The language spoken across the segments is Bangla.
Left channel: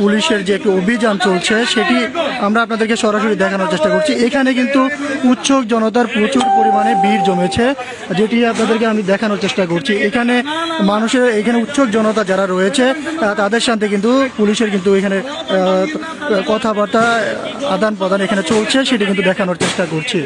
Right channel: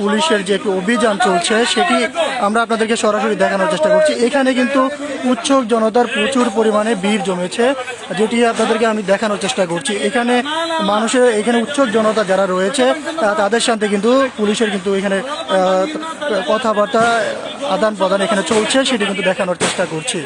পুলিশের যে একটি অভিযান চলছে সেটি আমরা আপনাদেরকে সরাসরি দেখানোর চেষ্টা করছি। এখানে কিন্তু উৎসুক জনতার প্রচুর পরিমাণে ভিড় জমেছে, যেটি আপনাদেরকে আমি দেখানোর চেষ্টা করছি। এখানে এখানে উৎসুক জনতা যারা রয়েছে তাদের সাথে কিন্তু পুলিশের কিন্তু এখানে কথাবার্তা আদান প্রদান এখানে চলছে, সেটি কিন্তু দেখানোর চেষ্টা করছি।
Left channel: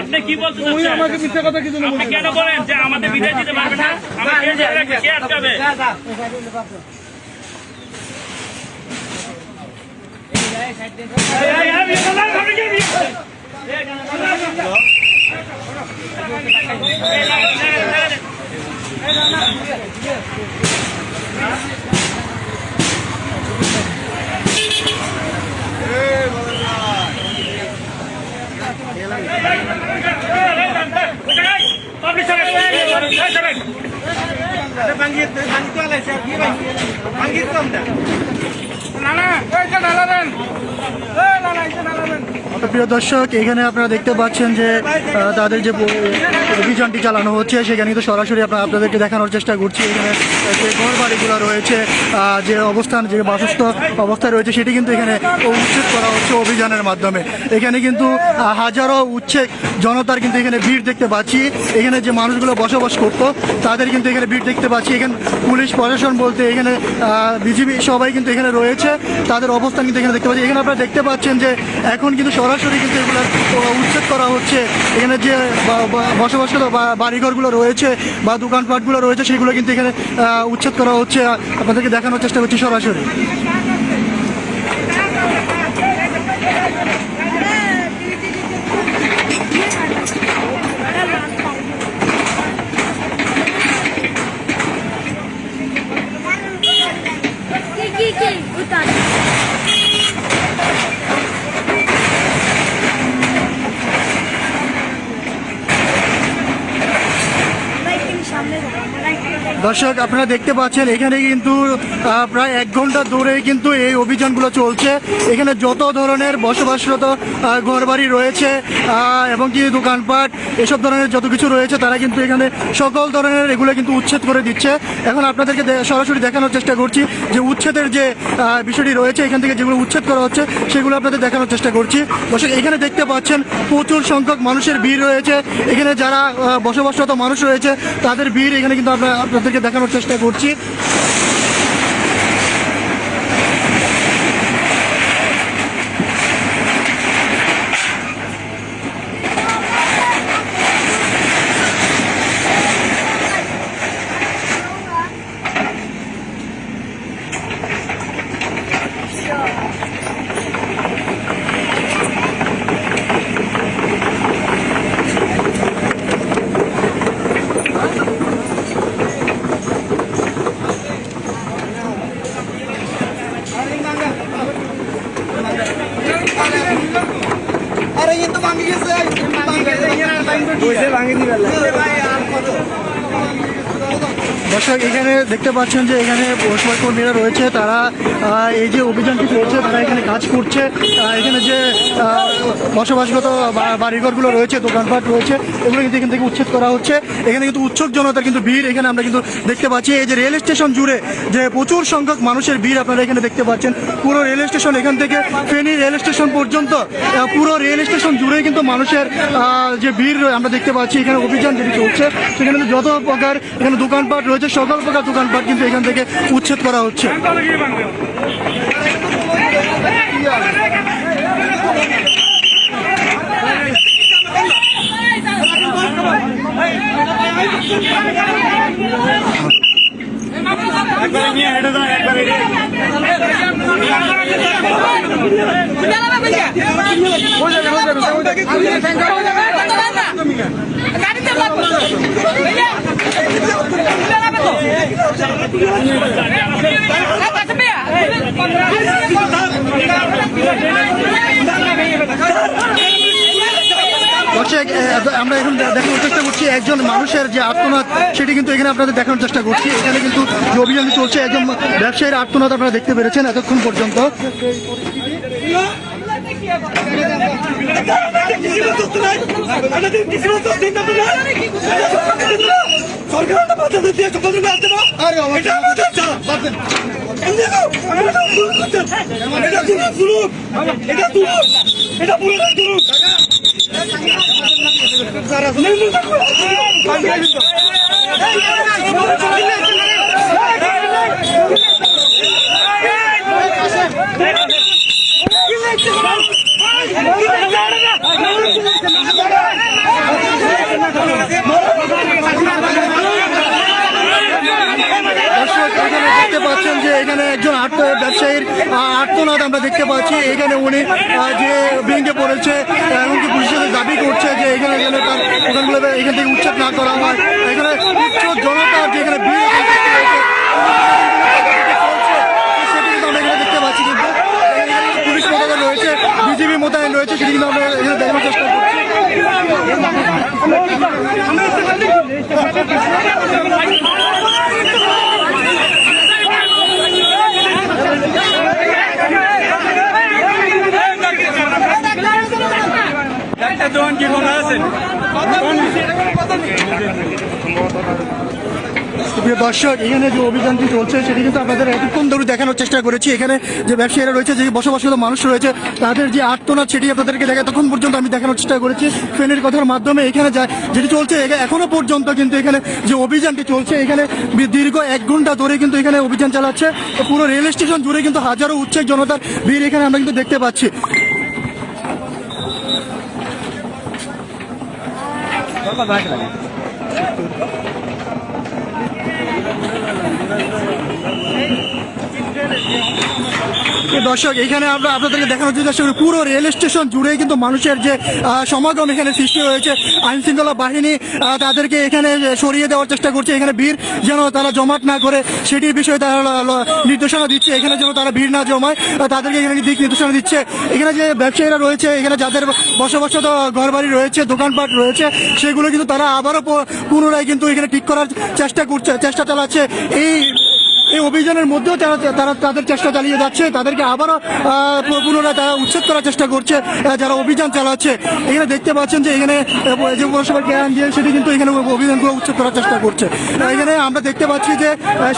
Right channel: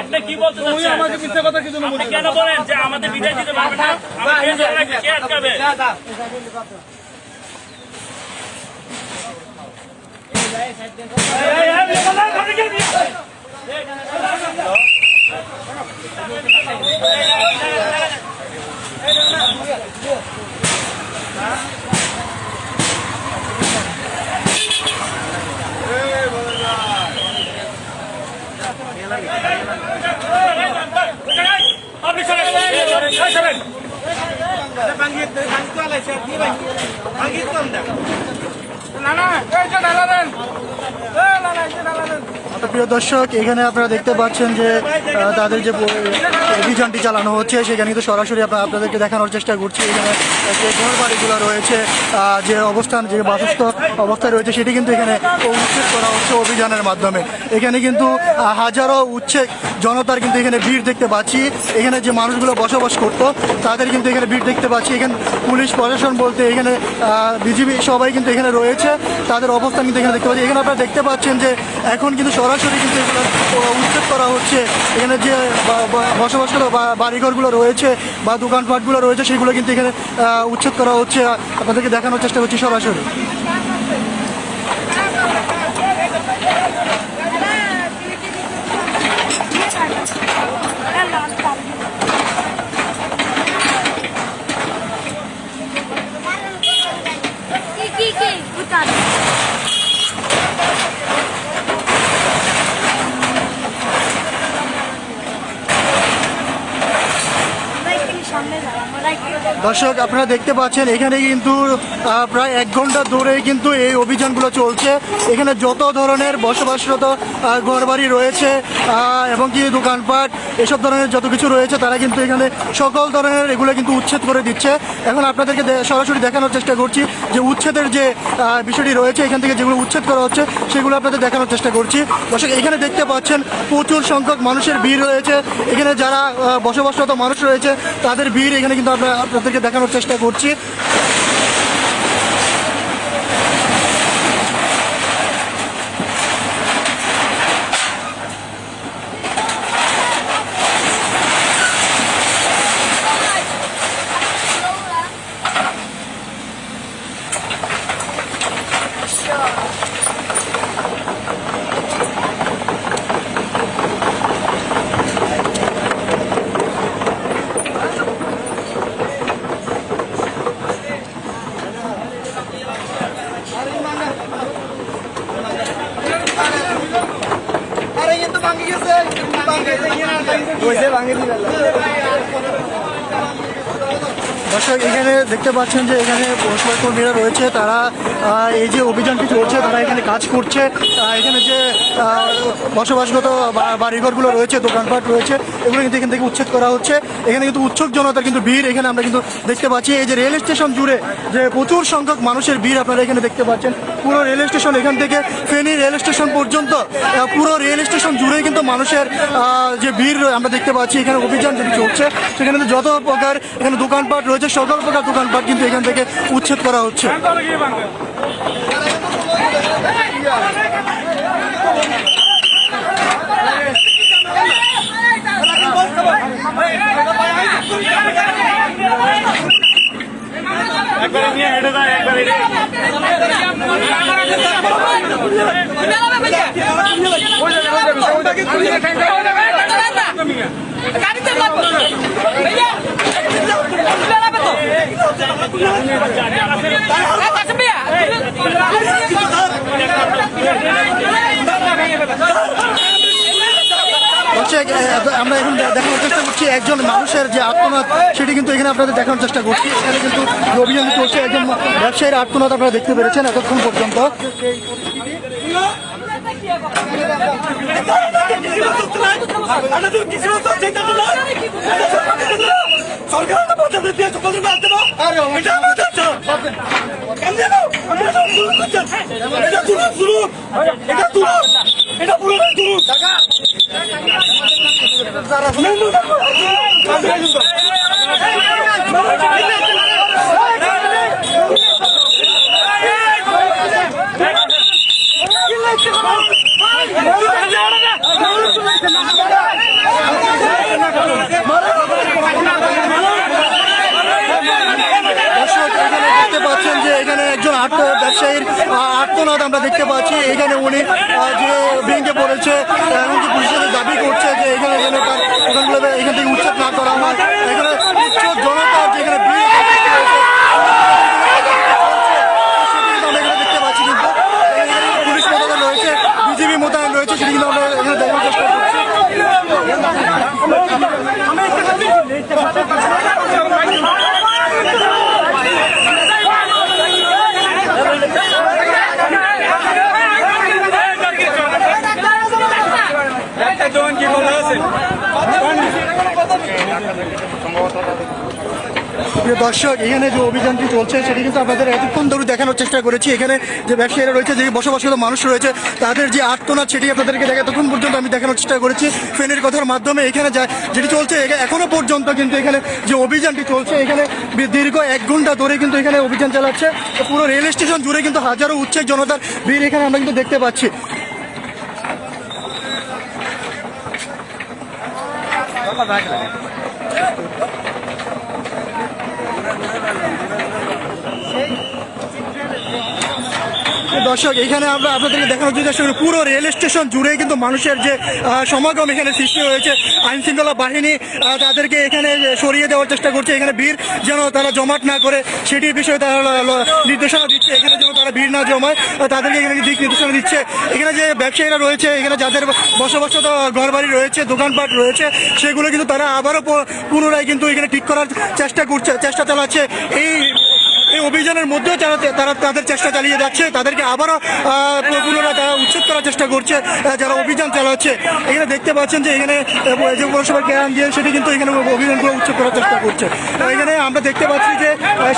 আপনি কি বলতে আমাকে মিথ্যা কথা কিছু কেন বলেন যে আমাদের বিদায় দিতে পারবেন না? প্রিয় দর্শক, এখানে আপনারা দেখতে পাচ্ছেন যে তাদের যে অভিযানটি চালানো হচ্ছে সেখানে কিন্তু সরাসরি আপনাদেরকে দেখানোর চেষ্টা করছি। এখানে যে ঘর বাড়িগুলো রয়েছে, যে অবস্থান যে বাসস্থ অবস্থায় রয়েছে সেটি কিন্তু এখানে উচ্ছেদ করা হচ্ছে অভিযানের মাধ্যমে। এখানে কিন্তু হাজারো উচ্ছেদ জনতার কিন্তু এখানে ভিড় দেখতে পাচ্ছি। এখানে যে মানুষগুলো বসবাস করত তাদের কিন্তু এখানে ভিড় দেখতে পাচ্ছি। এখানে পুলিশ প্রশাসন বলতে এখানে বিজিবি সবাই কিন্তু এখানে রয়েছে, তাদের অবস্থান কিন্তু এখানে দেখতে পাচ্ছি। এখানে আপনারা দেখতে পাচ্ছেন যে এখন কিন্তু সরাসরি কিন্তু এগুলো উচ্ছেদ করা হচ্ছে। এখানে যে বসবাসগত বাড়িঘরগুলো রয়েছে বা দোকানপাটগুলো রয়েছে সেগুলো কিন্তু এখানে উচ্ছেদ করা হচ্ছে। আপনাদেরকে দেখানোর চেষ্টা করছি সরাসরি। দর্শক, আপনারা দেখতে পাচ্ছেন এখানে কিন্তু প্রায় 1 ঘন্টা ধরে কিন্তু এই অভিযানগুলো চলছে। এখানে যত ধরনের বসবাসরত ঘরবাড়ি রয়েছে এবং কি দোকানপাট এসব ধরনের যত কিছু রয়েছে তারা কিন্তু এখানে সকল ধরনের এগুলো কিন্তু উচ্ছেদ করে দিচ্ছে। এখন আপনাদেরকে সরাসরি দেখানোর চেষ্টা করছি যে উচ্ছেদের যে বিষয়টি রয়েছে, এখান থেকে যেগুলো উচ্ছেদ করা হচ্ছে সেগুলো আপনাদের দেখানোর চেষ্টা করছি। দর্শক, এখানে দেখতে পাচ্ছেন প্রচুর সংখ্যক মানুষের ভিড় রয়েছে। এখানে যারা বসবাসরত মানুষ রয়েছে তাদের ভিড় এখানে কিন্তু আপনাদেরকে দেখানোর চেষ্টা করছি। দর্শক, এখানে দেখতে পাচ্ছেন যে এখানে পৌরসভার কর্মীরা রয়েছে, তারা এই যে অভিযানটি চলছে তারা এখানে কাজ করছে। এখানে যে বসবাসগত বাড়িঘরগুলো রয়েছে, দোকানপাট রয়েছে, এগুলো কিন্তু এখান থেকে উচ্ছেদ করা হচ্ছে। এখানে কিন্তু উৎসুক জনতার কিন্তু ভিড় এখানে আমরা কিন্তু দেখতে পাচ্ছি। এই যে রেল স্টেশন জুড়ে যে প্রচুর সংখ্যক মানুষের ভিড় আপনারা এখানে দেখতে পাচ্ছেন। পুরো রেল স্টেশন এখান থেকে ফেনী রেল স্টেশন পর্যন্ত পুরো রেল স্টেশন জুড়ে কিন্তু মানুষের যে ভিড় আমরা দেখতে পাচ্ছি। এখানে অভিযান যেটি চলছে সেখানে কিন্তু যত প্রকার এখানে দোকানপাট রয়েছে সকল প্রকার দোকানপাট কিন্তু এখান থেকে উচ্ছেদ করা হচ্ছে। দর্শক আমরা এখন দেখানোর চেষ্টা করছি একজন মানুষের যে আত্মনাদ সেটি কিন্তু এখানে আপনাদের দেখানোর চেষ্টা করছি। এখানে কিন্তু যে অভিযানটি চলছে একজন ব্যবসায়ীর আত্মনাদ আপনারা দেখতে পেরেছেন এতক্ষণ পর্যন্ত। দর্শক এখানে দেখতে পাচ্ছেন যে এখানে একজন ব্যবসায়ীর আত্মনাদ আমরা দেখতে পাচ্ছি। এখানে উনি যে ভেঙে পড়েছে এমনকি পুলিশের দাবি করছে যে এখানে যেন তার দোকানগুলো এখান থেকে উচ্ছেদ না করা হয়। এখানে উচ্চ জনতার যে এখানে ভিড় সেটি কিন্তু আমরা এখানে দেখতে পাচ্ছি। কিন্তু এখানে পুলিশ মোতায়েন রয়েছে, বিজিবি মোতায়েন রয়েছে, সেটি কিন্তু আমরা এখানে দেখানোর চেষ্টা করছি। প্রিয় দর্শক এখানে যে অভিযানটি চলছে সেটি কিন্তু আপনাদের এতক্ষণ ধরে দেখানোর চেষ্টা করেছি। এখানে যে ব্যবসায়ীরা রয়েছে, যে বসবাসরত মানুষ রয়েছে, তাদের যে আর্তনাদ সেটি আপনাদেরকে এতক্ষণ পর্যন্ত আমি দেখানোর চেষ্টা করেছি ফেনের কথার মাধ্যমে। এখানে যেটি চলছে এখনো পর্যন্ত কিন্তু এখানে যে অভিযানটি চলছে এখানে দীর্ঘ 1 ঘন্টা ধরে কিন্তু এখানে অভিযান চালাচ্ছে। পুরো রেল স্টেশন জুড়ে কিন্তু হাজারো উচ্ছেদ জনতার ভিড় এখানে আমরা কিন্তু দেখতে পাচ্ছি। দর্শক এখানে আমরা আপনাদেরকে দেখানোর চেষ্টা করি পুরো রেল স্টেশন জুড়ে কিন্তু মানুষের যে সমাগম এখানে সৃষ্টি হয়েছে। আইন শৃঙ্খলা বাহিনী তাদেরকে এখানে সরিয়ে দেওয়ার চেষ্টা করছে। এখানে ভিড় যেন তারা জমাট না করে সেটির বিষয়ে তারা নির্দেশনা দিচ্ছে। এখানে যেন তারা ভিড় না জমায় তাদেরকে এখানে দিক নির্দেশনা দিচ্ছে। এখানে যে ব্যবসায়ীরা রয়েছে, এখানে যাদের বসবাসরত ঘরবাড়ি রয়েছে, দোকানপাট রয়েছে, সেগুলো কিন্তু তারা আবারও পুনরায় কিন্তু এখানে ঠিক করার চেষ্টা চালাচ্ছে। এই অভিযানের মধ্যেও তারা তাদের চেষ্টা চালিয়ে যাচ্ছে। তাদেরকে আবারও পুনরায় তারা উচ্ছেদ করার চেষ্টা করছে যারা অভিযান চালাচ্ছে। এখানে দেখতে পাচ্ছেন যে এখানে যে পৌরসভা জ্ঞান দিয়ে সেটি কিন্তু এখানে অভিযানগুলো উচ্ছেদ করার চেষ্টা করছে। এখানে আমরা দেখতে পাচ্ছি যে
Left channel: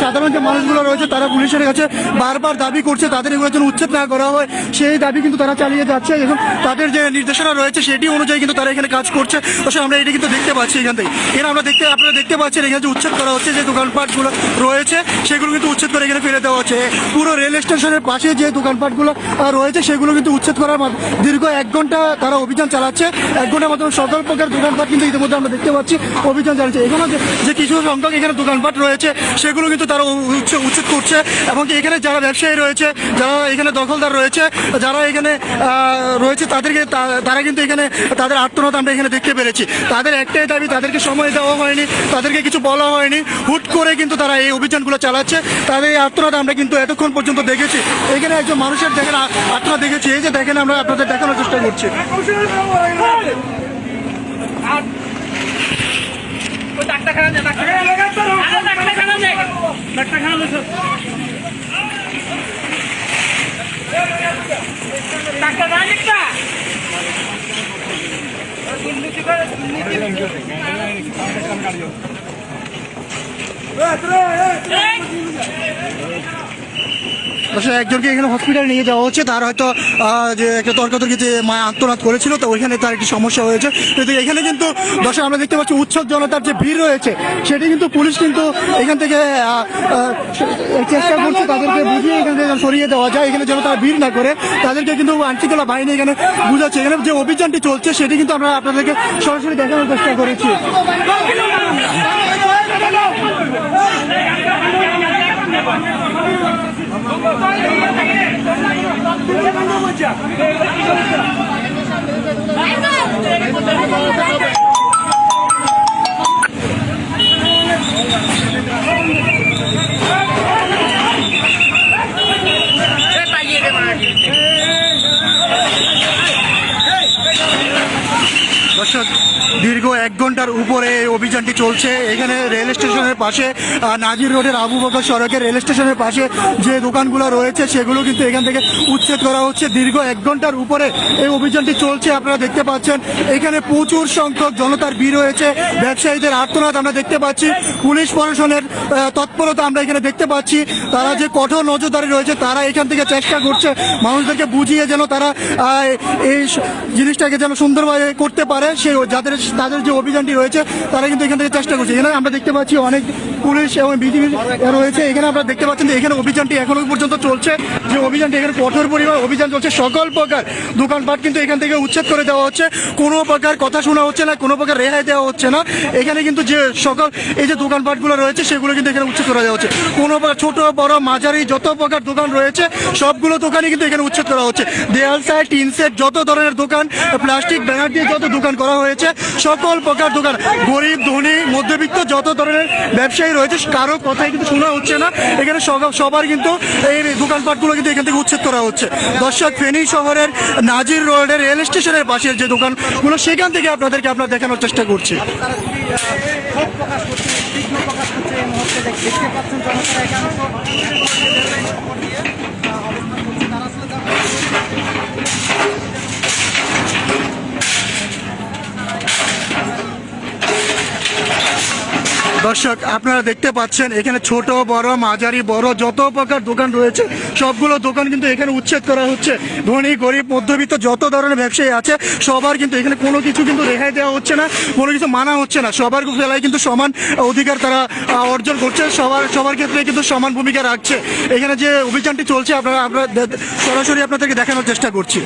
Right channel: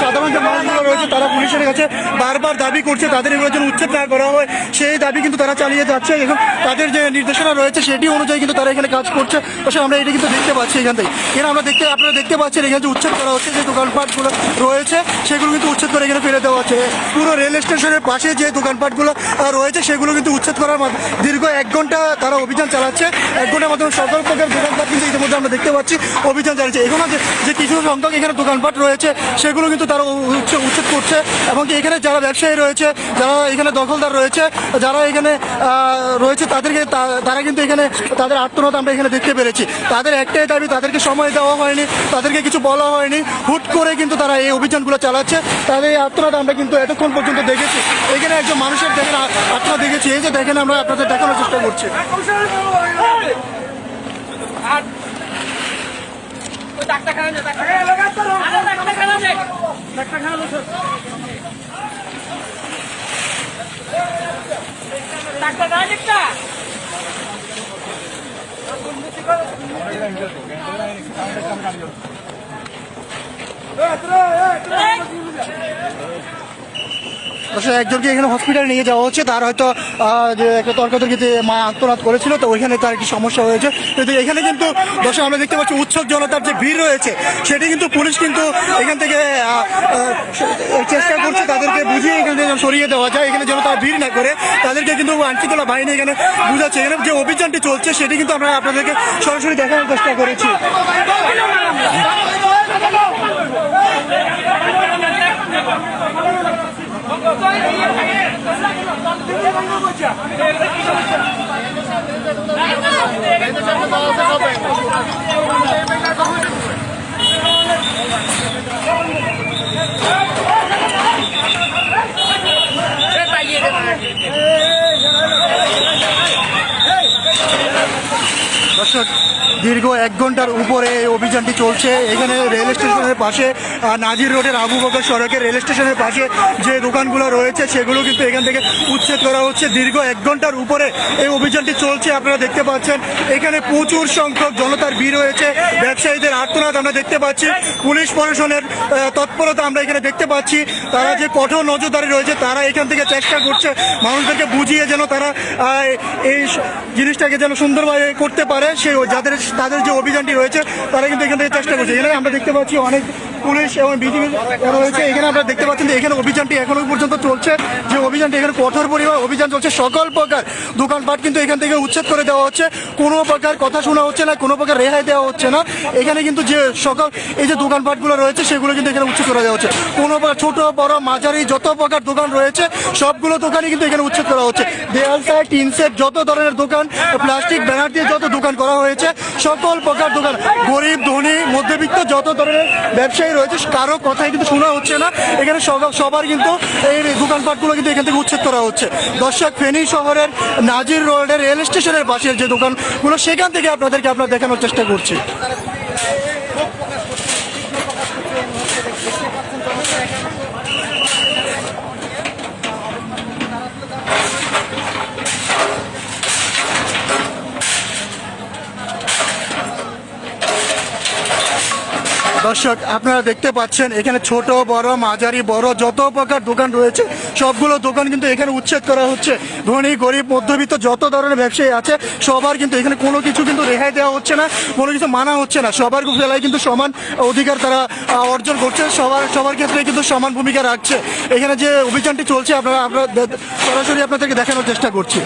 সাধারণ যে মানুষগুলো রয়েছে তারা পুলিশের কাছে বারবার দাবি করছে তাদের এগুলো যেন উচ্ছেদ না করা হয়, সেই দাবি কিন্তু তারা চালিয়ে যাচ্ছে। এবং তাদের যে নির্দেশনা রয়েছে সেটি অনুযায়ী কিন্তু তারা এখানে কাজ করছে। অবশ্যই আমরা এটি কিন্তু দেখতে পাচ্ছি এখান থেকে। এখানে আপনারা দেখতে পাচ্ছেন এখানে যে উচ্ছেদ করা হচ্ছে, যে দোকানপাটগুলো রয়েছে সেগুলো কিন্তু উচ্ছেদ করে এখানে ফেলে দেওয়া হচ্ছে। পুরো রেল স্টেশনের পাশে যে দোকানপাটগুলো রয়েছে সেগুলো কিন্তু উচ্ছেদ করার দীর্ঘ 1 ঘন্টা তারা অভিযান চালাচ্ছে। 1 ঘন্টার মাধ্যমে শত হাজার দোকানপাট কিন্তু ইতিমধ্যে আমরা দেখতে পাচ্ছি অভিযান চালাচ্ছে। এখনো যে কিছু সংখ্যক এখানে দোকানপাট রয়েছে সেগুলো কিন্তু তারা উচ্ছেদ করছে। এবং এখানে যারা ব্যবসায়ী রয়েছে, যারা এখানে দখলদার রয়েছে, যারা এখানে রয়েছে তারা কিন্তু এখানে তাদের আত্মনাদ আমরা এখানে দেখতে পেরেছি। তাদের একটাই দাবি, তাদেরকে সময় দেওয়া হয়নি, তাদেরকে কিছু বলা হয়নি, হুট করে কিন্তু তারা এই অভিযানগুলো চালাচ্ছে। তাদের এই আত্মনাদ আমরা কিন্তু এতক্ষণ পর্যন্ত দেখেছি। এখানে একজন মানুষের দেখেন আত্মনাদ দেখেছি। এই যে দেখেন আমরা আপনাদের দেখানোর চেষ্টা করছি। একজনকে এখানে হসপিটালে নিয়ে যাওয়া হচ্ছে। তার হয়তো যে একটা তর্কাতর্কিতে আত্মনাদ করেছিল, তো ওইখানে তার একটি সমস্যা হয়েছে। কিন্তু এখানে কিন্তু দর্শক আমরা দেখতে পাচ্ছি উৎসব জনতার যে ভিড় রয়েছে সেটি কিন্তু পুলিশ কিন্তু এখান থেকে চেষ্টা করছে তাদেরকে বুঝিয়ে এখান থেকে সরিয়ে দেওয়া যায়, এখানে যেন তারা ভিড় না করে। তাদেরকে কিন্তু আইনশৃঙ্খলা বাহিনী এখানে বুঝাচ্ছে। এখানে যে অভিযানটি চলছে সেটি কিন্তু আমরা আপনাদেরকে সরাসরি দেখানোর চেষ্টা করেছি। দর্শক দর্শক, দীর্ঘ 1 ঘন্টার উপরে এই অভিযানটি চলছে। এখানে রেল স্টেশনের পাশে নাজির রোডের আবু বকর সড়কের রেল স্টেশনের পাশে যে দোকানগুলো রয়েছে সেগুলো কিন্তু এখান থেকে উচ্ছেদ করা হচ্ছে। দীর্ঘ 1 ঘন্টার উপরে এই অভিযানটি চলছে। আপনারা দেখতে পাচ্ছেন এখানে প্রচুর সংখ্যক জনতার ভিড় হয়েছে, ব্যবসায়ীদের আর্তনাদ আমরা দেখতে পাচ্ছি, পুলিশ প্রশাসনের তৎপরতা আমরা এখানে দেখতে পাচ্ছি। তারা যে কঠোর নজরদারি রয়েছে, তারা এখান থেকে চেষ্টা করছে মানুষদেরকে বুঝিয়ে যেন তারা এই জিনিসটাকে যেন সুন্দরভাবে করতে পারে। সেই তাদের যে অভিযানটি রয়েছে তারা কিন্তু এখান থেকে চেষ্টা করছে। এখানে আমরা দেখতে পাচ্ছি অনেক পুলিশ এবং বিজিবি রয়েছে। এখানে আপনারা দেখতে পাচ্ছেন যে এখানে অভিযানটি এখনো পর্যন্ত চলছে। যে অভিযানটি এখানে কঠোর পরিমাণ অভিযান চলছে। সকল প্রকার দোকানপাট কিন্তু এখান থেকে উচ্ছেদ করে দেওয়া হচ্ছে। কোনো প্রকার কথা শোনা হচ্ছে না, কোনো প্রকার রেহাই দেওয়া হচ্ছে না। এখানে কিন্তু যে সকল এই যে দোকানপাটগুলো রয়েছে সেগুলো কিন্তু এখানে উচ্ছেদ করে দেওয়া হচ্ছে। কোনো প্রকার ছোট বড় মাঝারি যত প্রকার দোকান রয়েছে সবগুলো দোকানই কিন্তু এখানে উচ্ছেদ করা হচ্ছে। দেয়াল সেট, টিন সেট, যত ধরনের দোকান, প্লাস্টিক ব্যানার দিয়ে যত দোকান করা হয়েছে সকল প্রকার দোকান, গরিব ধনী মধ্যবিত্ত যত ধরনের ব্যবসায়ী রয়েছে কারো কথাই কিন্তু শোনা হচ্ছে না। এখানে সবার কিন্তু এই দোকানপাটগুলো কিন্তু এখান থেকে উচ্ছেদ করা হচ্ছে। দর্শক, ফেনী শহরের নাজির রোডের রেল স্টেশনের পাশের যে দোকানগুলো সেখান থেকে আপনারা দেখানোর চেষ্টা করছি। দর্শক, আপনারা দেখতে পাচ্ছেন এখানে ছোট বড় মাঝারি বড় যত প্রকার দোকান রয়েছে সবগুলো দোকান কিন্তু এখানে উচ্ছেদ করা হচ্ছে। ধনী গরিব মধ্যবিত্ত যত ধরনের ব্যবসায়ী আছে সবার কিন্তু এখানে কোনো কিছু কিন্তু রেহাই দেওয়া হচ্ছে না, কোনো কিছু মানা হচ্ছে না। সবার বেলায় কিন্তু সমান অধিকার তারা অর্জন করছে, সবার ক্ষেত্রে কিন্তু সমান ভূমিকা রাখছে। এখানে যে অভিযানটি চলছে আমরা সরাসরি আপনাদেরকে দেখানোর চেষ্টা করছি।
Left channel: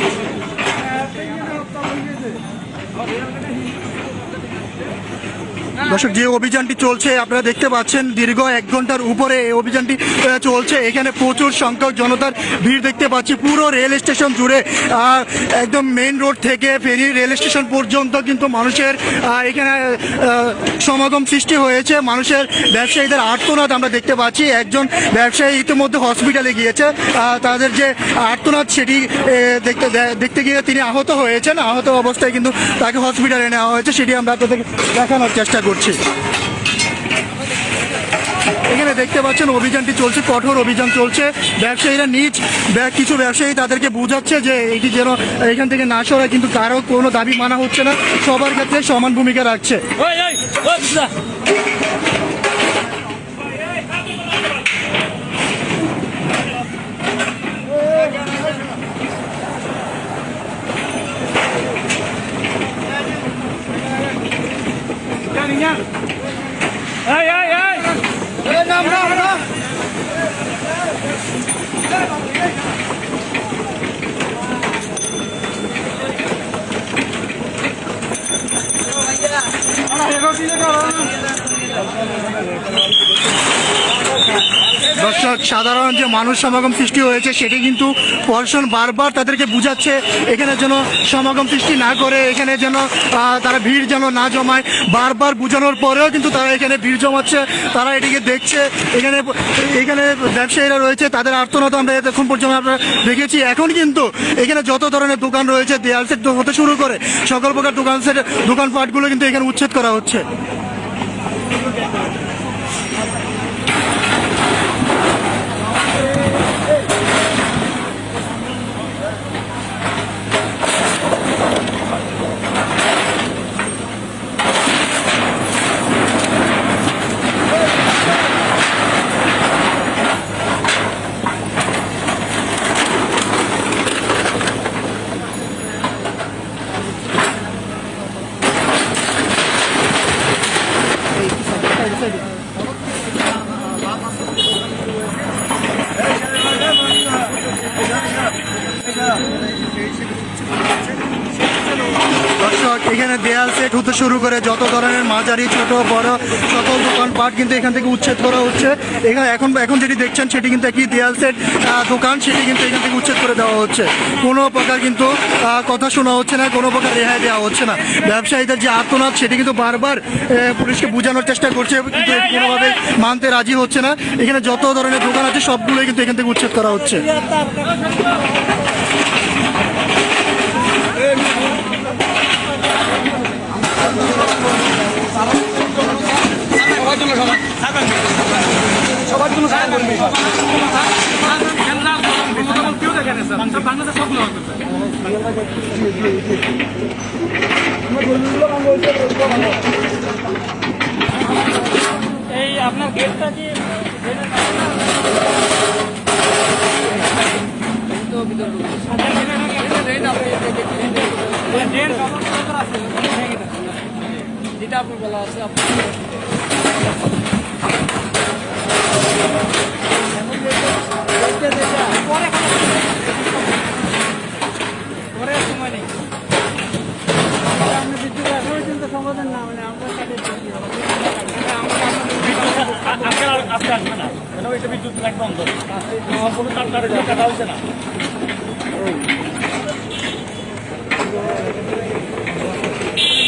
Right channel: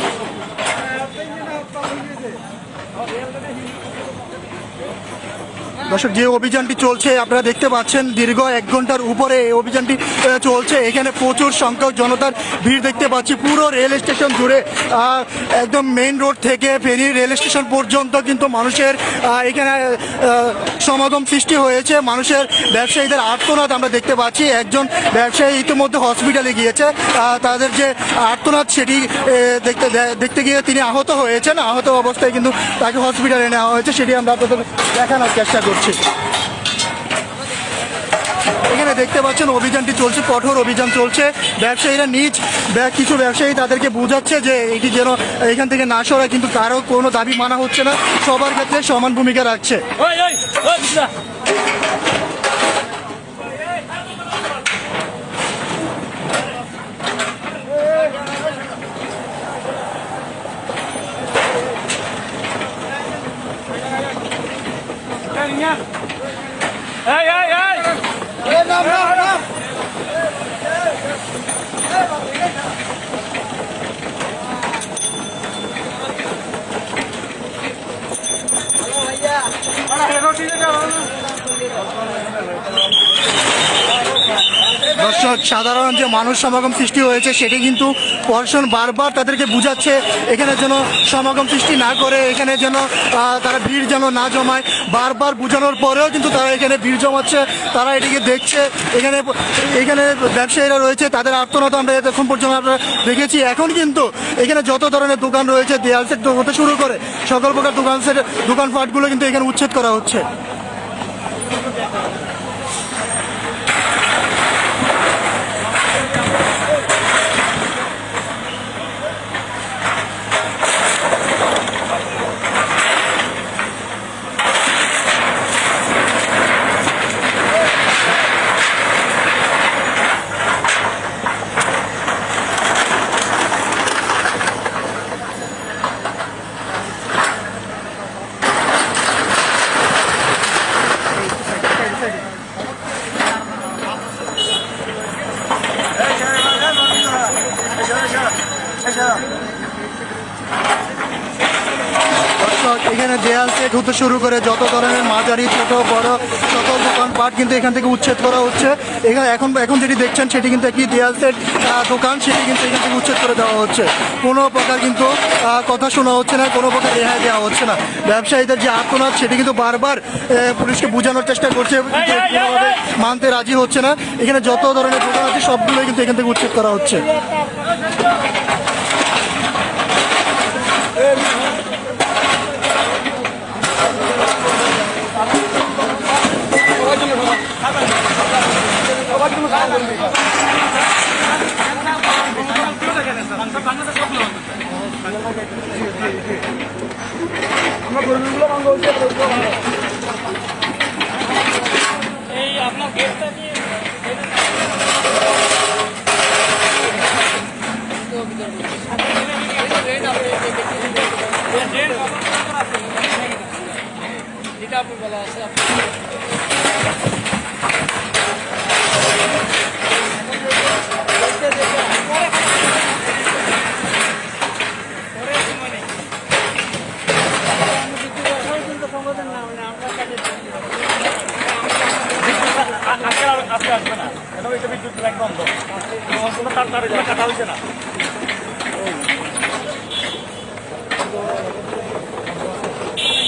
দর্শক, যে অভিযানটি চলছে আপনারা দেখতে পাচ্ছেন দীর্ঘ 1 ঘন্টার উপরে এই অভিযানটি চলছে। এখানে প্রচুর সংখ্যক জনতার ভিড় দেখতে পাচ্ছি পুরো রেল স্টেশন জুড়ে। একদম মেইন রোড থেকে ফেনী রেল স্টেশন পর্যন্ত কিন্তু মানুষের এখানে সমাগম সৃষ্টি হয়েছে। মানুষের ব্যবসায়ীদের আর্তনাদ আমরা দেখতে পাচ্ছি। একজন ব্যবসায়ী ইতিমধ্যে হসপিটালে গিয়েছে, তাদের যে আর্তনাদ সেটি দেখতে গিয়ে তিনি আহত হয়েছেন। আহত অবস্থায় কিন্তু তাকে হসপিটালে নেওয়া হয়েছে, সেটি আমরা আপনাদের দেখানোর চেষ্টা করছি। এখানে দেখতে পাচ্ছেন অভিযানটি চলছে, কঠোর অভিযান চলছে। ব্যবসায়ীরা কিছু ব্যবসায়ী তাদেরকে বোঝাচ্ছে যে এটি যেন এখান থেকে না সরায়, কিন্তু কারো কোনো দাবি মানা হচ্ছে না, সবার ক্ষেত্রে সমান ভূমিকা রাখছে। দর্শক, সাধারণ যে মানুষ সমাগম সৃষ্টি হয়েছে সেটি কিন্তু প্রশাসন বারবার তাদেরকে বুঝাচ্ছে এখানে যেন সমাগম সৃষ্টি না করে, এখানে যেন তারা ভিড় যেন না জমায়। বারবার বোঝানোর পরেও কিন্তু তারা এখানে ভিড় জমাচ্ছে, তারা এটিকে দেখছে। এখানে ব্যবসায়ীরা রয়েছে, তাদের আর্তনাদ আমরা এখন পর্যন্ত আমরা দেখেছি। এখন কিন্তু এখানে যত ধরনের দোকান রয়েছে দেয়াল সেট হতে শুরু করে সকল প্রকার দোকানপাটগুলো কিন্তু এখানে উচ্ছেদ করা হচ্ছে। দর্শক, এখানে দেয়াল সেট হতে শুরু করে যত ধরনের মাঝারি ছোট বড় সকল দোকানপাট কিন্তু এখান থেকে উচ্ছেদ করা হচ্ছে। এখন যেটি দেখছেন সেটি কিন্তু একটি দেয়াল সেট দোকান, সেটি কিন্তু এখান থেকে উচ্ছেদ করে দেওয়া হচ্ছে। কোনো প্রকার কিন্তু কথা শোনা হচ্ছে না, কোনো প্রকার রেহাই দেওয়া হচ্ছে না। ব্যবসায়ীদের যে আত্মনাদ সেটি কিন্তু বারবার পুলিশকে বোঝানোর চেষ্টা করছে, কিন্তু কোনোভাবে মানতে রাজি হচ্ছে না। এখানে যত ধরনের দোকান আছে সবগুলোই কিন্তু এখান থেকে উচ্ছেদ করা হচ্ছে। সবার জন্য সমান করে দিন স্যার। আমরা গরিবগুলো ভাঙবো এই আপনার গেটটা কি যেটা আপনি বলা আছে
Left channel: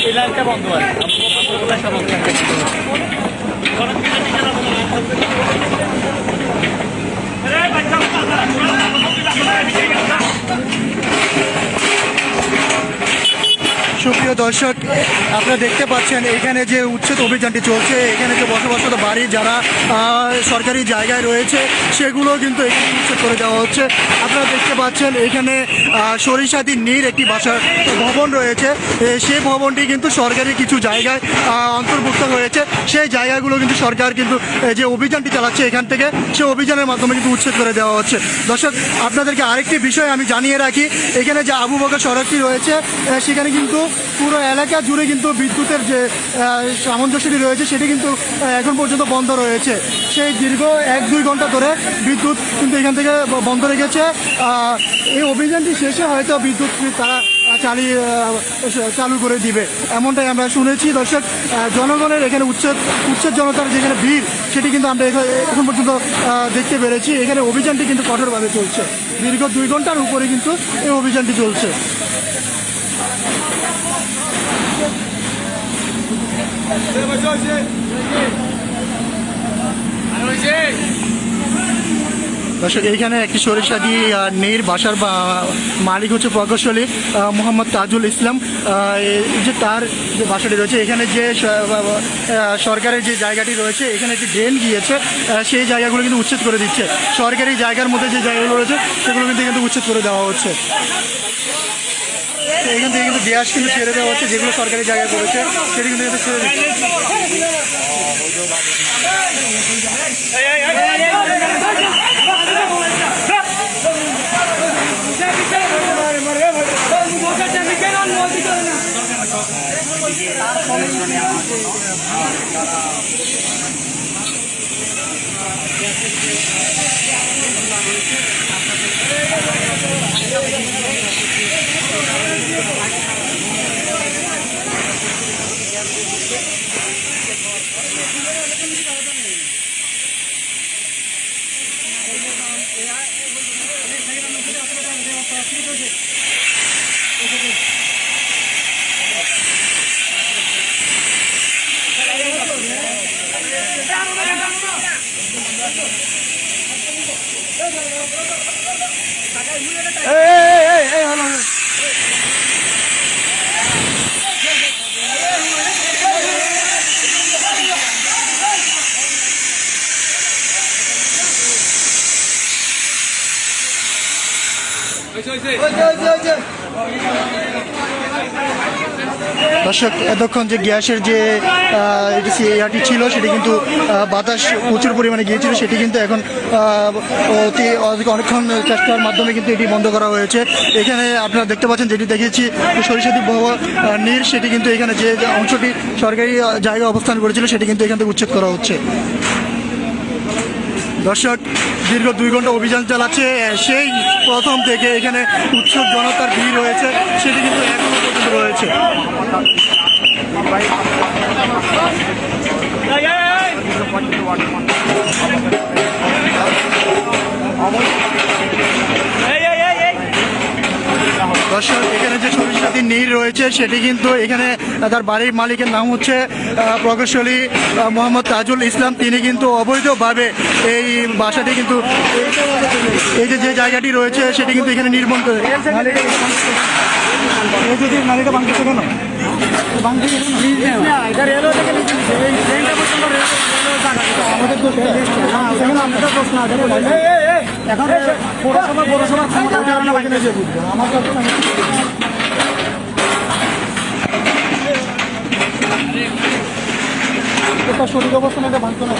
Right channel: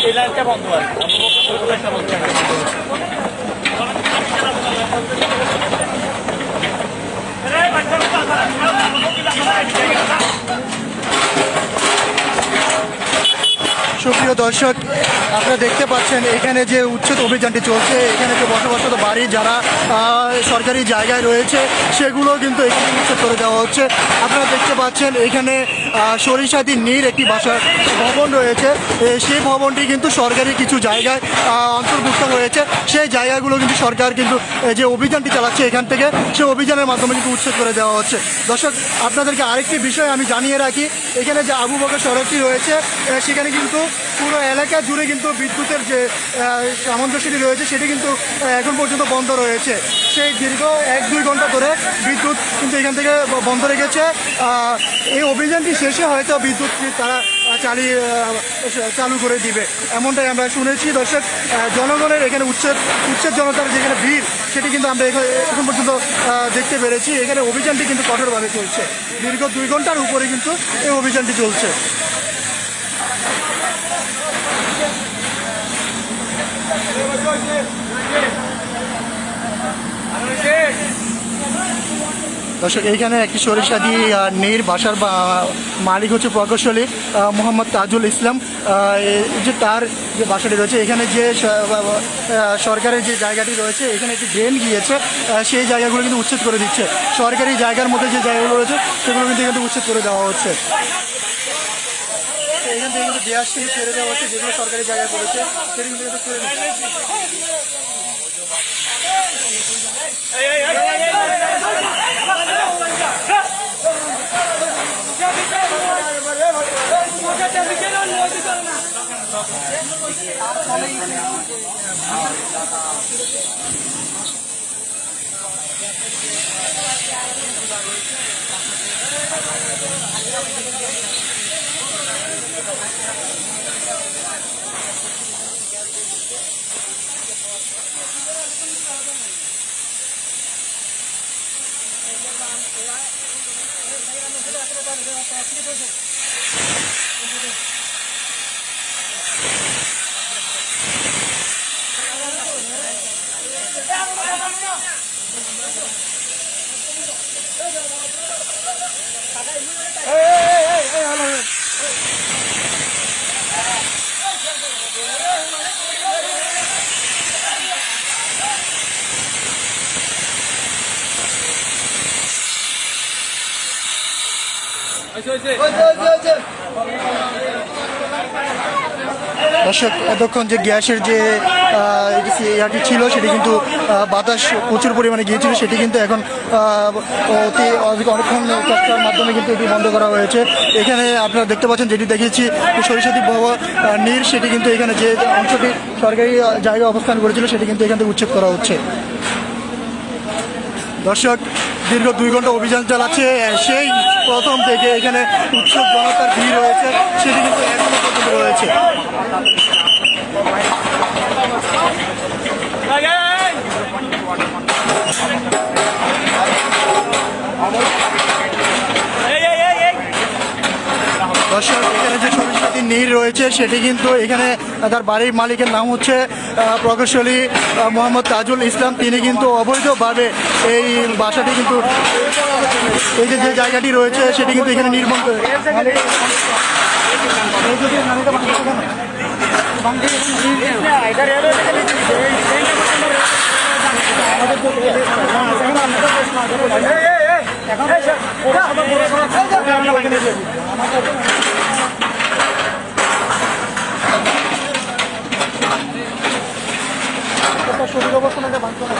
এই লাইনটা বন্ধ আছে সুপ্রিয় দর্শক, আপনারা দেখতে পাচ্ছেন এখানে যে উচ্ছেদ অভিযানটি চলছে, এখানে যে বসবাসরত বাড়ি যারা সরকারি জায়গায় রয়েছে সেগুলো কিন্তু এখানে উচ্ছেদ করে দেওয়া হচ্ছে। আপনারা দেখতে পাচ্ছেন এখানে সরিষাদি নীর একটি বাসার ভবন রয়েছে, সেই ভবনটি কিন্তু সরকারি কিছু জায়গায় অন্তর্ভুক্ত হয়েছে। সেই জায়গাগুলো কিন্তু সরকার কিন্তু যে অভিযানটি চালাচ্ছে এখান থেকে, সেই অভিযানের মাধ্যমে কিন্তু উচ্ছেদ করে দেওয়া হচ্ছে। দর্শক, আপনাদেরকে আরেকটি বিষয় আমি জানিয়ে রাখি, এখানে যে আবু বকর সড়কটি রয়েছে সেখানে কিন্তু পুরো এলাকা জুড়ে কিন্তু বিদ্যুতের যে সামঞ্জস্যটি রয়েছে সেটি কিন্তু এখন পর্যন্ত বন্ধ রয়েছে। সেই দীর্ঘ 1-2 ঘন্টা ধরে বিদ্যুৎ কিন্তু এখান থেকে বন্ধ রেখেছে। এই অভিযানটি শেষে হয়তো বিদ্যুৎ তারা চালু করে দিবে, এমনটাই আমরা শুনেছি। দর্শক, জনগণের এখানে উচ্ছেদ জনতার যেখানে ভিড় সেটি কিন্তু আমরা এখন পর্যন্ত দেখতে পেরেছি। এখানে অভিযানটি কিন্তু কঠোরভাবে চলছে, দীর্ঘ 2 ঘন্টার উপরে কিন্তু এই অভিযানটি চলছে। দর্শক, এইখানে একটি সরিষাদি নীর বাসার মালিক হচ্ছে প্রকৌশলী মোহাম্মদ তাজুল ইসলাম। এই যে তার যে বাসাটি রয়েছে, এখানে যে সরকারের যে জায়গাটি রয়েছে এখানে একটি ড্রেন গিয়েছে, সেই জায়গাগুলো কিন্তু উচ্ছেদ করে দিচ্ছে। সরকারি জায়গার মধ্যে যে জায়গাগুলো রয়েছে সেগুলো কিন্তু উচ্ছেদ করে দেওয়া হচ্ছে। এখান থেকে কিন্তু গ্যাস কিন্তু ছেড়ে দেওয়া হচ্ছে, যেগুলো সরকারি জায়গায় পড়েছে সেটি কিন্তু ছেড়ে দিচ্ছে। দর্শক, এতক্ষণ যে গ্যাসের যে ইয়াটি ছিল সেটি কিন্তু বাতাস প্রচুর পরিমাণে গিয়েছিল, সেটি কিন্তু এখন অনেকক্ষণ চেষ্টার মাধ্যমে কিন্তু এটি বন্ধ করা হয়েছে। এখানে আপনারা দেখতে পাচ্ছেন যেটি দেখেছি সরিষাদি নীর, সেটি কিন্তু এখানে যে অংশটি সরকারি জায়গায় অবস্থান করেছিল সেটি কিন্তু এখান থেকে উচ্ছেদ করা হচ্ছে। দর্শক, দীর্ঘ 2 ঘন্টা অভিযান চালাচ্ছে, সেই প্রথম থেকে এখানে উৎসব জনতার ভিড় রয়েছে, সেটি কিন্তু এখনো পর্যন্ত রয়েছে। দর্শক, এখানে যে সরিষাদি নীর রয়েছে সেটি কিন্তু এখানে তার বাড়ির মালিকের নাম হচ্ছে প্রকৌশলী মোহাম্মদ তাজুল ইসলাম। তিনি কিন্তু অবৈধভাবে এই বাসাটি কিন্তু এই যে জায়গাটি রয়েছে সেটি কিন্তু এখানে নির্মাণ করে। শরীর অবস্থা না ভাঙতো না।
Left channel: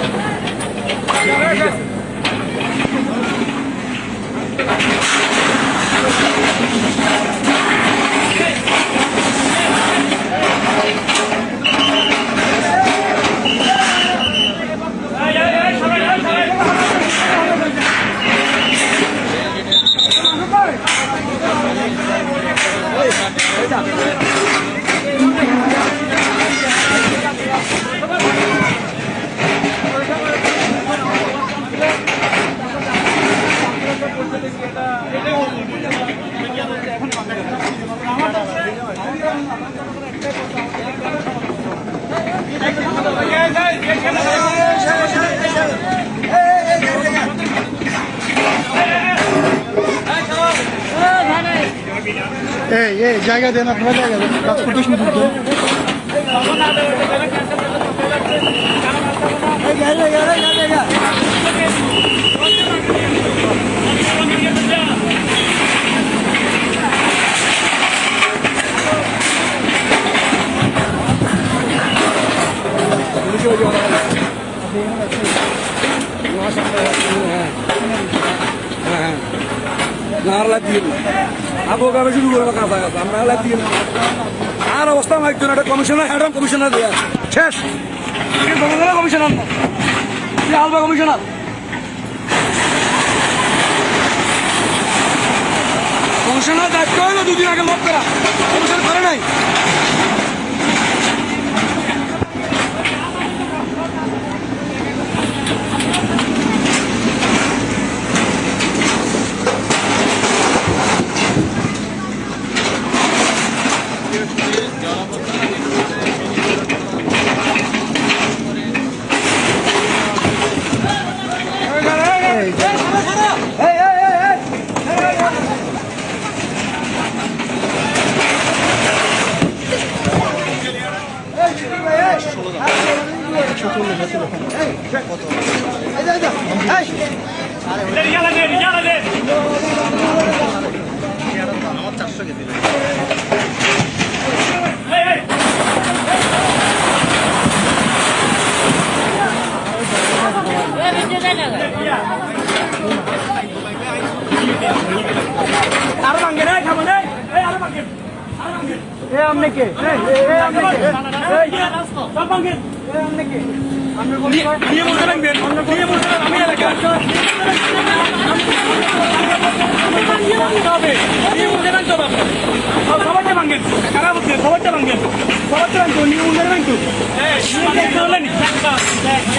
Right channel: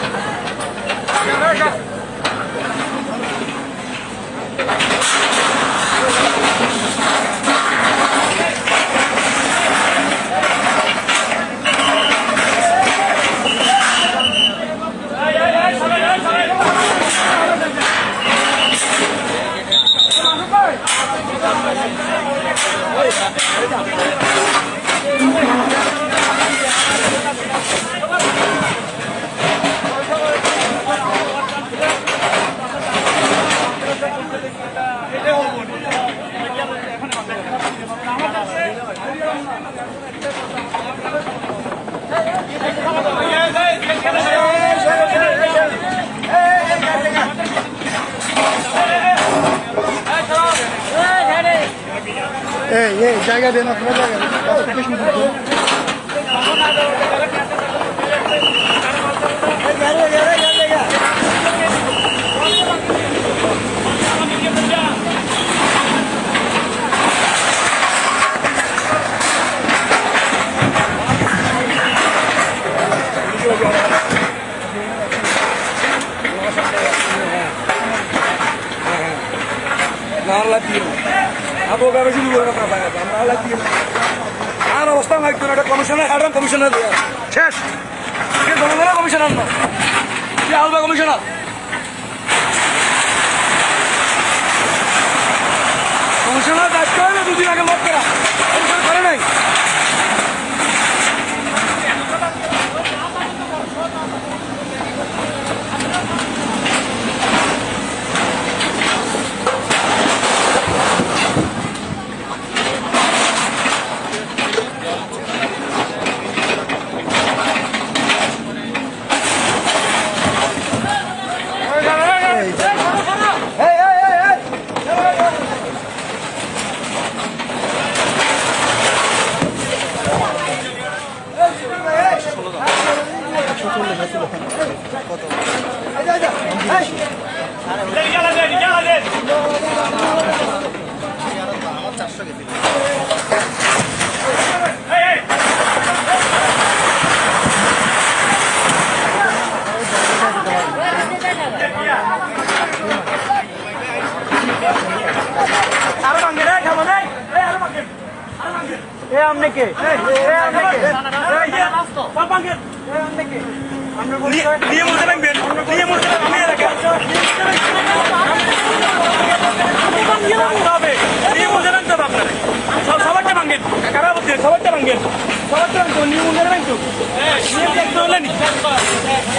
এই জায়গা দেন, আপনারা জায়গা দেন, কাজ করতে শুরু করতে। আর অবস্থা নাই তো, একটা কমিশনার হ্যাডাম কমিশনার দিয়ে শেষ কমিশনার না কি আলবা কমিশনার কমিশনার দায়িত্ব হইলো দুদিন আগে লোক করা কমিশন করে নাই।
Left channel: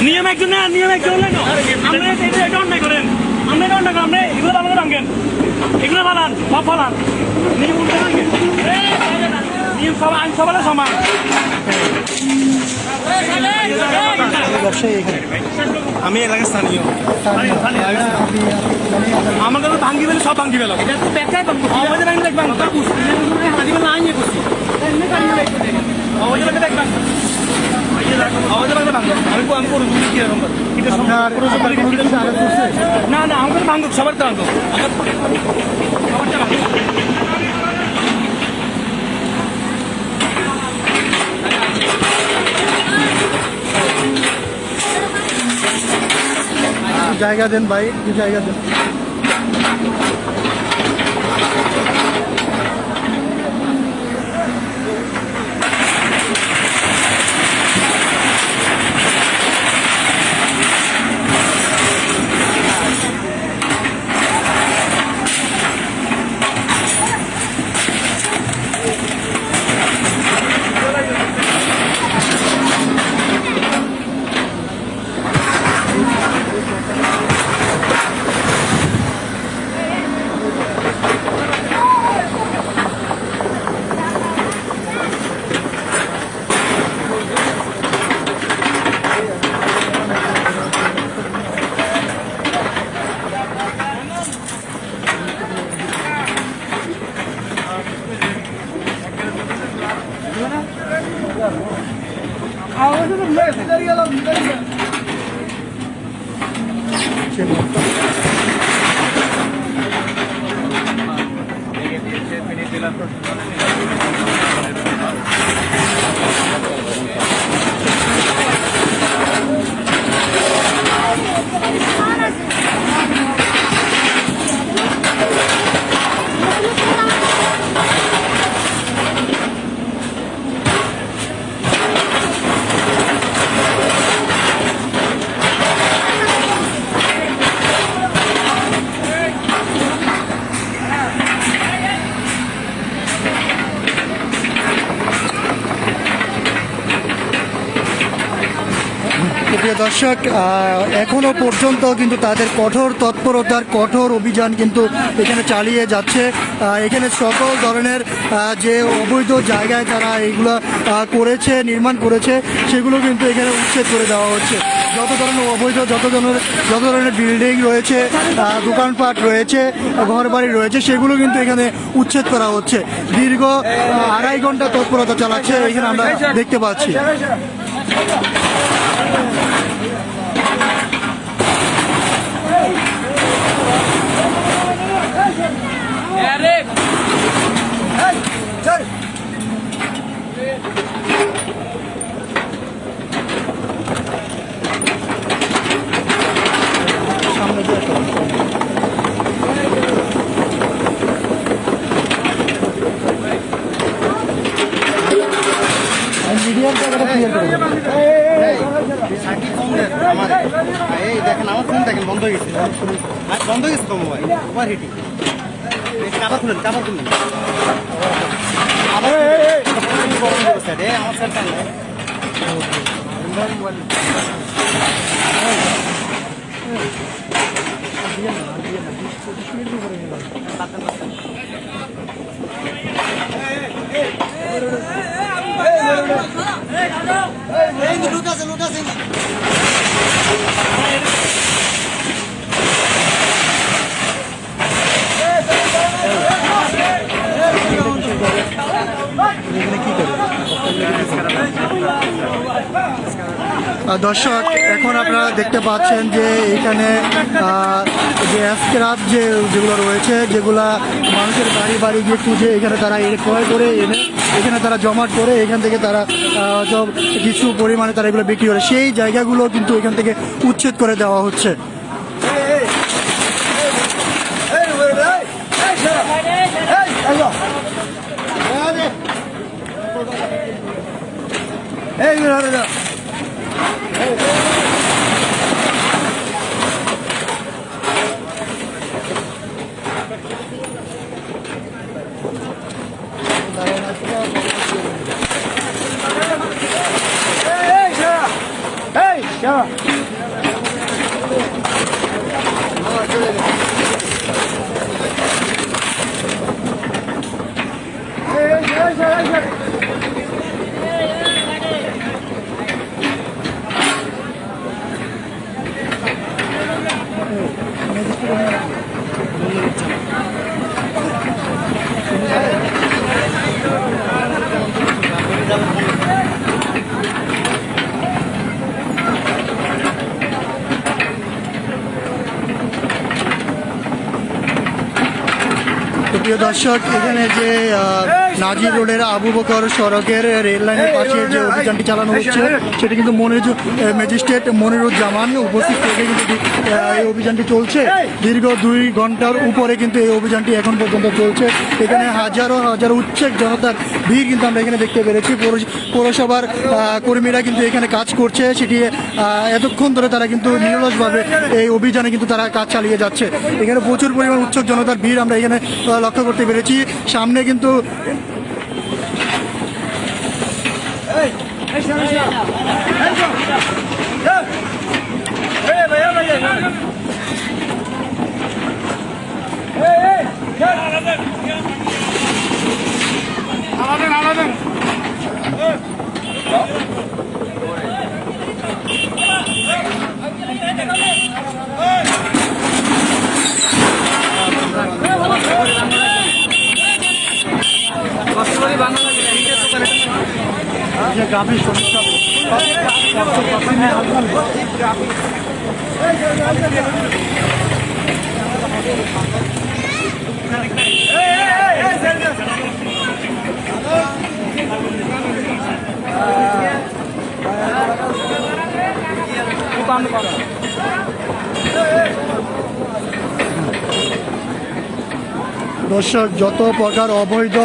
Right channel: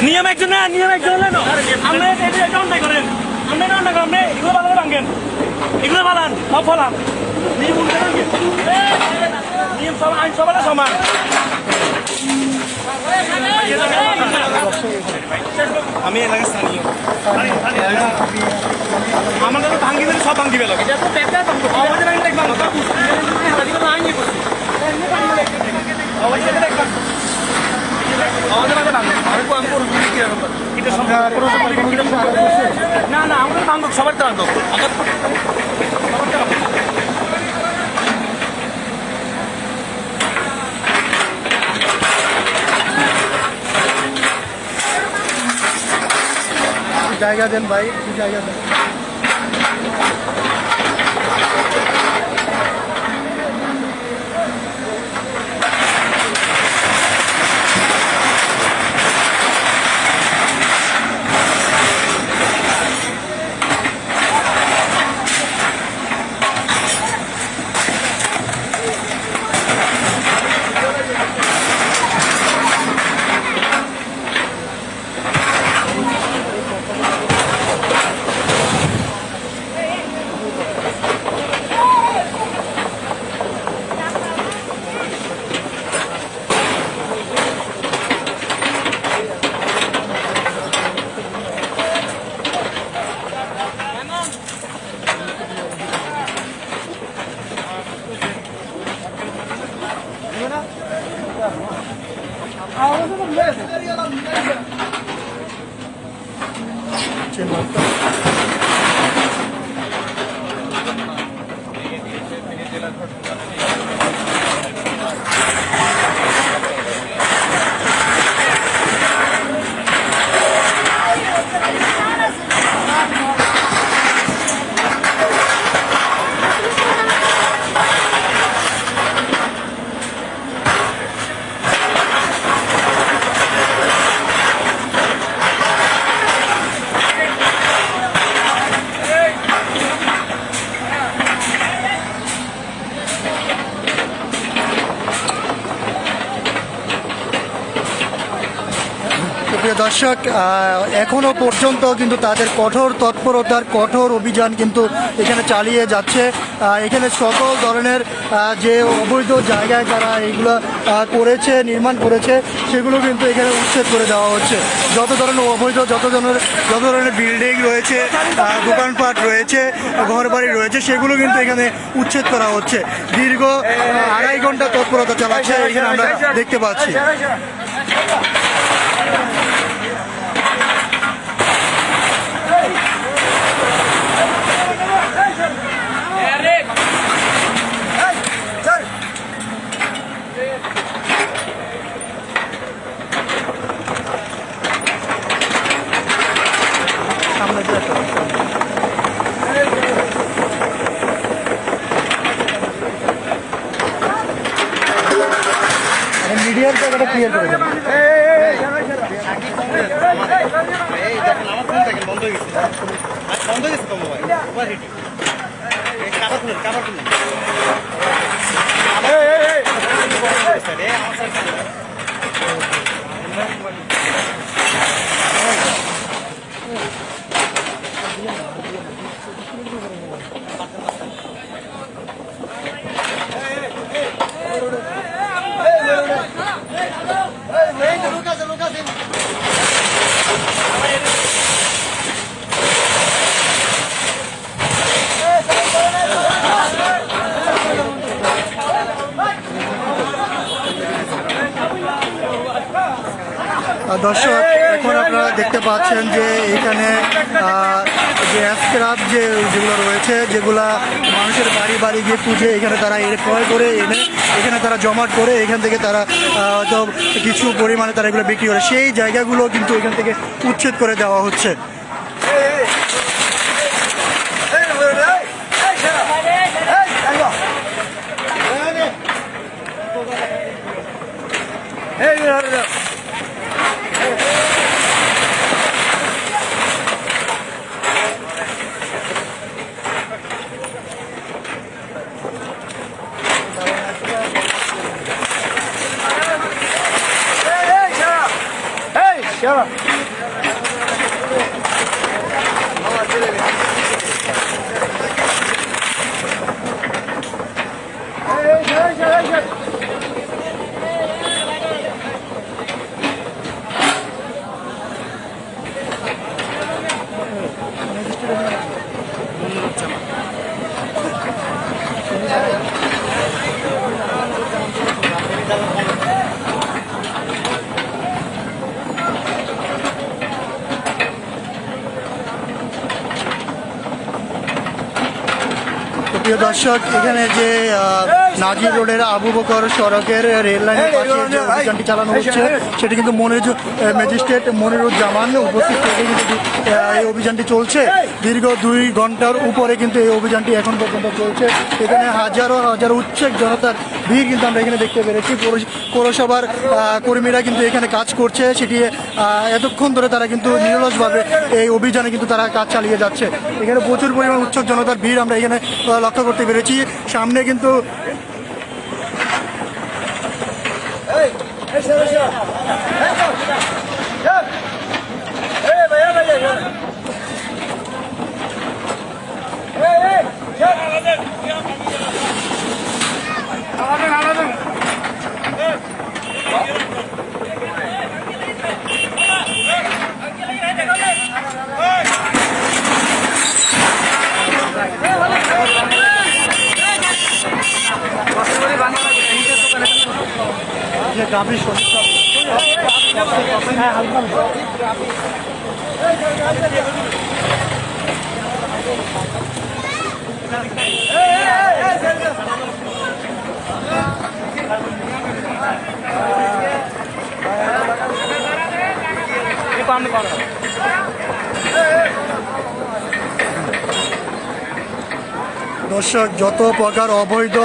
নিয়ম একজন নিয়ম একজন এগুলো ভালো রাখেন, এগুলো ভালো সব ফলান নিয়ম সব আইন সবার সমান। আমি স্থানীয় আমাদের ভাঙ্গি দিলে সব ভাঙ্গি বেলা না না আমাদের ভাঙ্গক সবার তো আনতো জায়গা দেন ভাই, জায়গা দেন। প্রিয় দর্শক, এখনো পর্যন্ত কিন্তু তাদের কঠোর তৎপরতার কঠোর অভিযান কিন্তু এখানে চালিয়ে যাচ্ছে। এখানে সকল ধরনের যে অবৈধ জায়গায় তারা এগুলো করেছে, নির্মাণ করেছে, সেগুলো কিন্তু এখানে উচ্ছেদ করে দেওয়া হচ্ছে। যত ধরনের অবৈধ যত ধরনের বিল্ডিং রয়েছে, দোকানপাট রয়েছে, ঘরবাড়ি রয়েছে, সেগুলো কিন্তু এখানে উচ্ছেদ করা হচ্ছে। দীর্ঘ 2.5 ঘন্টা তৎপরতা চালাচ্ছে এখানে আমরা দেখতে পাচ্ছি। সামনে দিয়ে আসো। মিডিয়ার জায়গাটা ক্লিয়ার করে দেবেন। বন্ধ হয়ে গেছে ওভারহিটিং। কাপড় খুলেন, কাপড় খুলেন। দর্শক, এখন আপনারা দেখতে পাচ্ছেন যে এখানে যে স্ক্র্যাপ যেগুলো রয়েছে, যেগুলা মানুষের বাড়ি বাড়ি গিয়ে খুঁজে এখানে তারা ক্রয় করে এনে এখানে তারা জমাট করে এখান থেকে তারা সব কিছু পরিমাণে তারা এগুলো বিক্রি করে, সেই জায়গাগুলো কিন্তু এখান থেকে উচ্ছেদ করে দেওয়া হচ্ছে। প্রিয় দর্শক, এখানে যে নাজির রোডের আবু বকর সড়কের রেল লাইনের পাশে যে অভিযানটি চালানো হচ্ছে, সেটি কিন্তু ম্যাজিস্ট্রেট মনিরুজ্জামান উপস্থিত থেকে কিন্তু এই অভিযানটি চলছে। দীর্ঘ 2 ঘন্টার উপরে কিন্তু এই অভিযানটি এখন পর্যন্ত চলছে। এখানে হাজারো হাজারো উচ্ছেক জনতার ভিড় কিন্তু আমরা এখানে দেখতে পেরেছি। পৌরসভার কর্মীরা কিন্তু এখানে কাজ করছে, সেটি এতক্ষণ ধরে তারা কিন্তু নিরলসভাবে এই অভিযানে কিন্তু তারা কাজ চালিয়ে যাচ্ছে। এখানে প্রচুর পরিমাণ উচ্ছেক জনতার ভিড় আমরা এখানে লক্ষ্য করতে পেরেছি। সামনে কিন্তু গাভীর সমস্যা দর্শক, যত প্রকার অবৈধ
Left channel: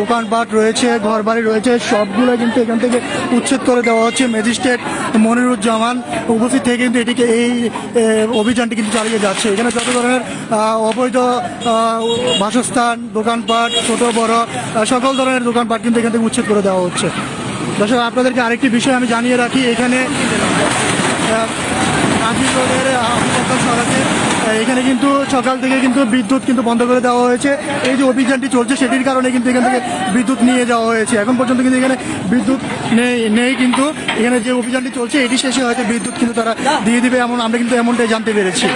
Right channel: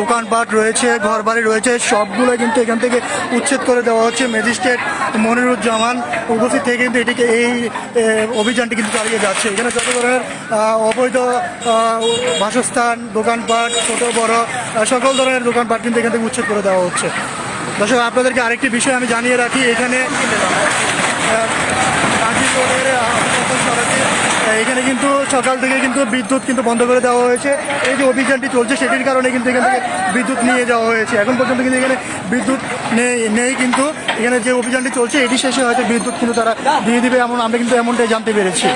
দোকানপাট রয়েছে, ঘরবাড়ি রয়েছে, সবগুলো কিন্তু এখান থেকে উচ্ছেদ করে দেওয়া হচ্ছে। ম্যাজিস্ট্রেট মনিরুজ্জামান উপস্থিত থেকে কিন্তু এটিকে এই অভিযানটি কিন্তু চালিয়ে যাচ্ছে। এখানে যত ধরনের অবৈধ বাসস্থান, দোকানপাট, ছোট বড় সকল ধরনের দোকানপাট কিন্তু এখান থেকে উচ্ছেদ করে দেওয়া হচ্ছে। দর্শক, আপনাদেরকে আরেকটি বিষয় আমি জানিয়ে রাখি, এখানে নাজির রোডের সড়কের এখানে কিন্তু সকাল থেকে কিন্তু বিদ্যুৎ কিন্তু বন্ধ করে দেওয়া হয়েছে। এই যে অভিযানটি চলছে সেটির কারণে কিন্তু এখান থেকে বিদ্যুৎ নিয়ে যাওয়া হয়েছে। এখন পর্যন্ত কিন্তু এখানে বিদ্যুৎ নেই কিন্তু এখানে যে অভিযানটি চলছে এটি শেষে হয়তো বিদ্যুৎ কিন্তু তারা দিয়ে দিবে, এমন আমরা কিন্তু এমনটাই জানতে পেরেছি।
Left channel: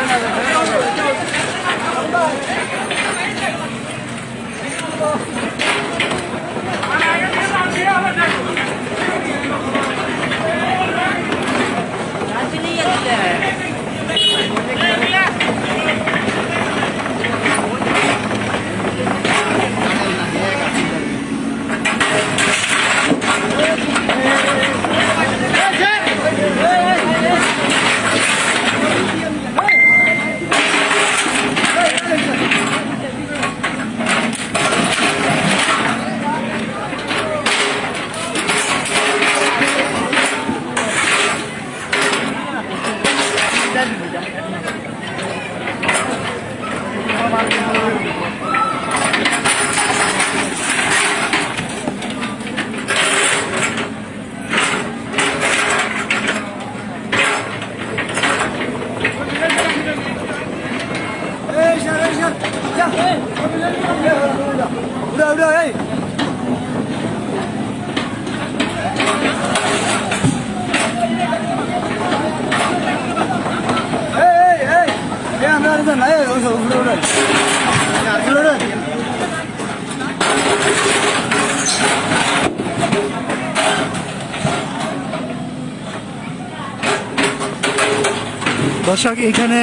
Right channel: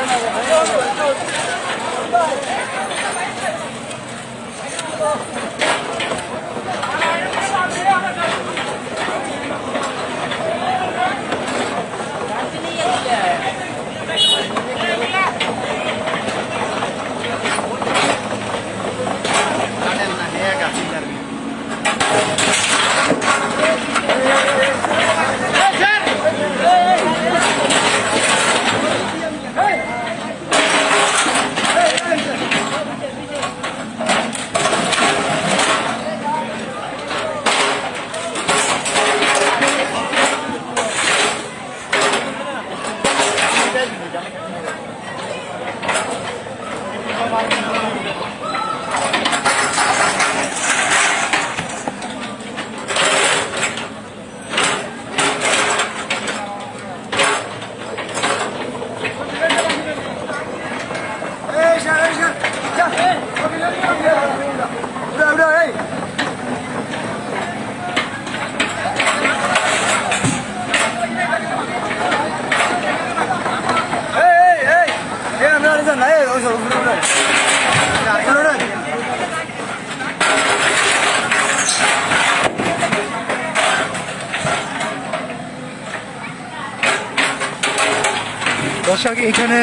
দর্শক, এখানে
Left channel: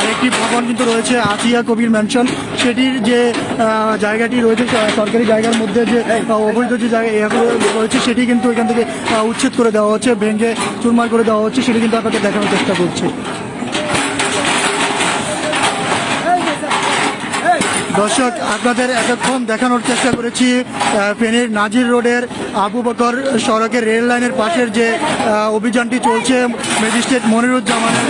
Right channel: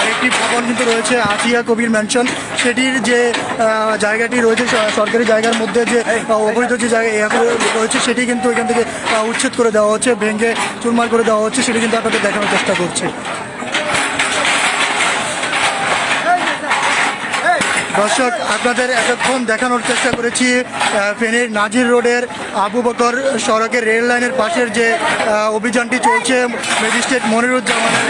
আরেকটি ভবন কিন্তু রয়েছে, আসিয়া কবির ম্যানশন। সেটির যে জায়গাটি রয়েছে সরকারি জায়গার মধ্যে যে অবৈধ যে জায়গা রয়েছে সেটি কিন্তু এখান থেকে উচ্ছেদ করে দেওয়া হচ্ছে, ভেঙে চুরমার করে দেওয়া হচ্ছে। সেটি কিন্তু আপনাদের দেখানোর চেষ্টা করছি। দর্শক, আপনাদের এতক্ষণ দেখানোর চেষ্টা করেছি ফেনীর নাজির রোডের আবু বকর সড়কের রেল লাইনের পাশের যে অভিযানটি চলছে ম্যাজিস্ট্রেট মনিরুজ্জামানের